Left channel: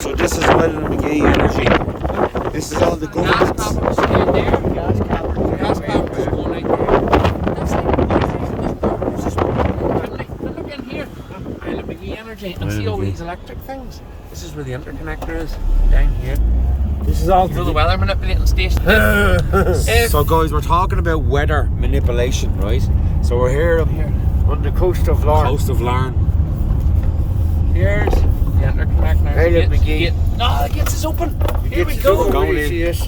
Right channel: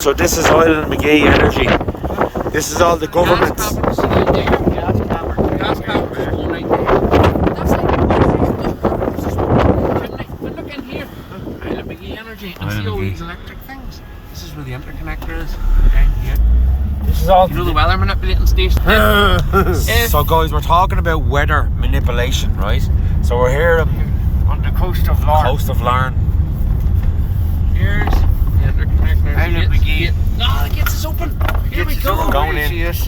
So this is oil and magee energy. This is all the governments. Gas caverns is going right there. That's like and look in here. Oil and magee energy. And see all these electric things. This is where the interconnector is. Down here. This is all the weather manipulating station. So guys, we're talking about weather manipulation, right? So we're here on the coast of Larne. Here's the interconnector. Oil and magee. Oh, the gates is open. Here we go. Going in. This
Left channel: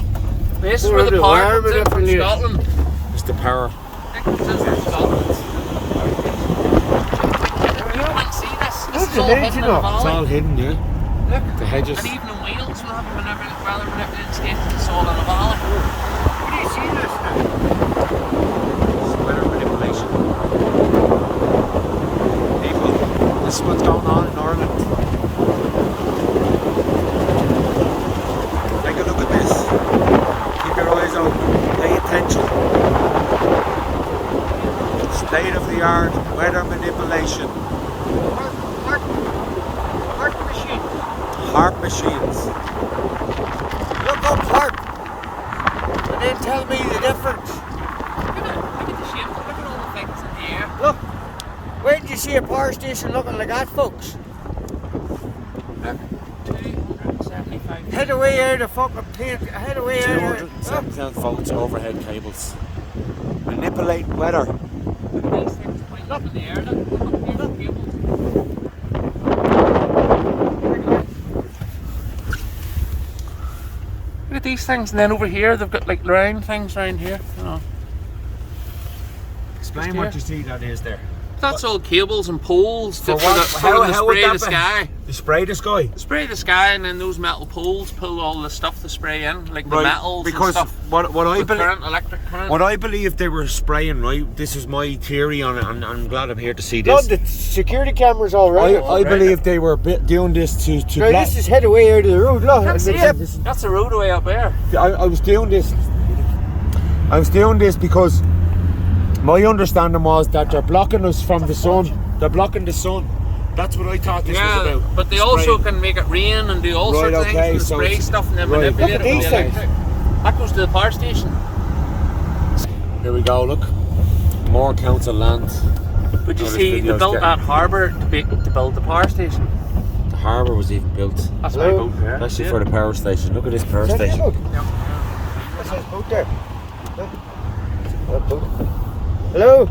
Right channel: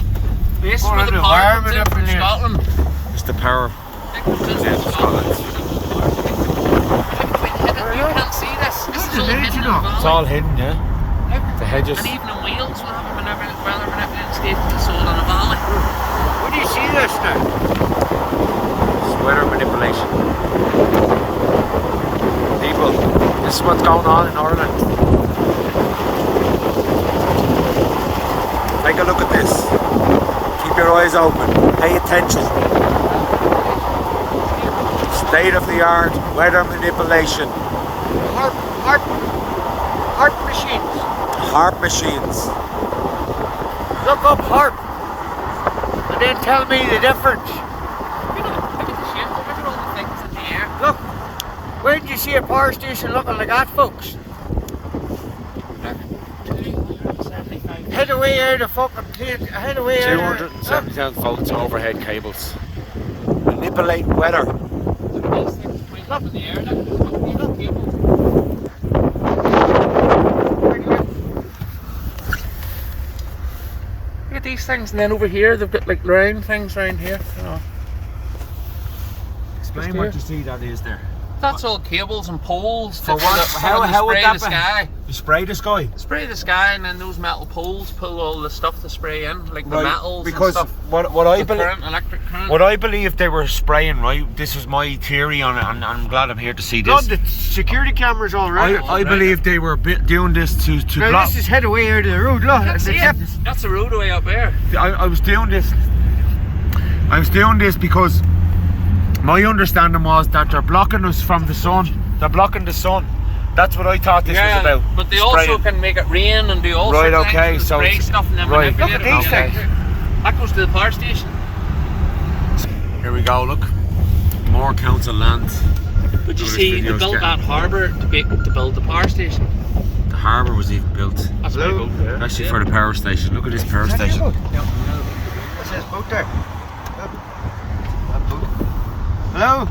is where the power comes in from Scotland. It's the power. That comes in from Scotland. You can't see this. This is all hidden in the valley. It's all hidden, yeah. Look. The hedges. And even in Wales, we'll have a weather manipulating station. It's all in a valley. Where do you see this now? It's weather manipulation. People, this is what's going on in Ireland. Take a look at this. Keep your eyes open. Pay attention. State of the art weather manipulation. Harp machines. Harp machines. Look up harp. And then tell me the difference. Look at the shape. Look at all the things in the air. Look. Where did you see a power station looking like that, folks? Look. 275. Head away out of fucking plane. Head away out of 270,000 volts overhead cables. Manipulate weather. Look at these things pointing up in the air. Look here, the cable. Look at these things, and then over here they've got like round things around here. You know. Explain what you see that is there. That's all cables and poles For to what? How would spray that the sky. You spray the sky? Spray the sky, and then those metal poles pull all the stuff to spray in, like the Right, metals because and stuff. what I With believe, current, electric current. what I believe they were spraying, right? This is my theory on it, and I'm glad I'm here to see No, this. the security cameras all right. I believe they were doing this to Now block. this is head away out of the road, look. That's it. That's the roadway up there. I was doing this. I was doing this because my understanding was that they're blocking us from the sun. They're blocking the sun. That's what I thought this was about. But they also spraying. can make it rain and do all sorts of okay, things. so Spray it's- stuff and then right. manipulate Look at it. these things. That goes to the power station. Here we go. Look, more council land. But you Oh, this see, they video's built getting- that harbour to build the power station. The harbour was even built. That's my Hello? boat. Actually, for the power station. Look at this power station. What's his boat there? Boat. Hello?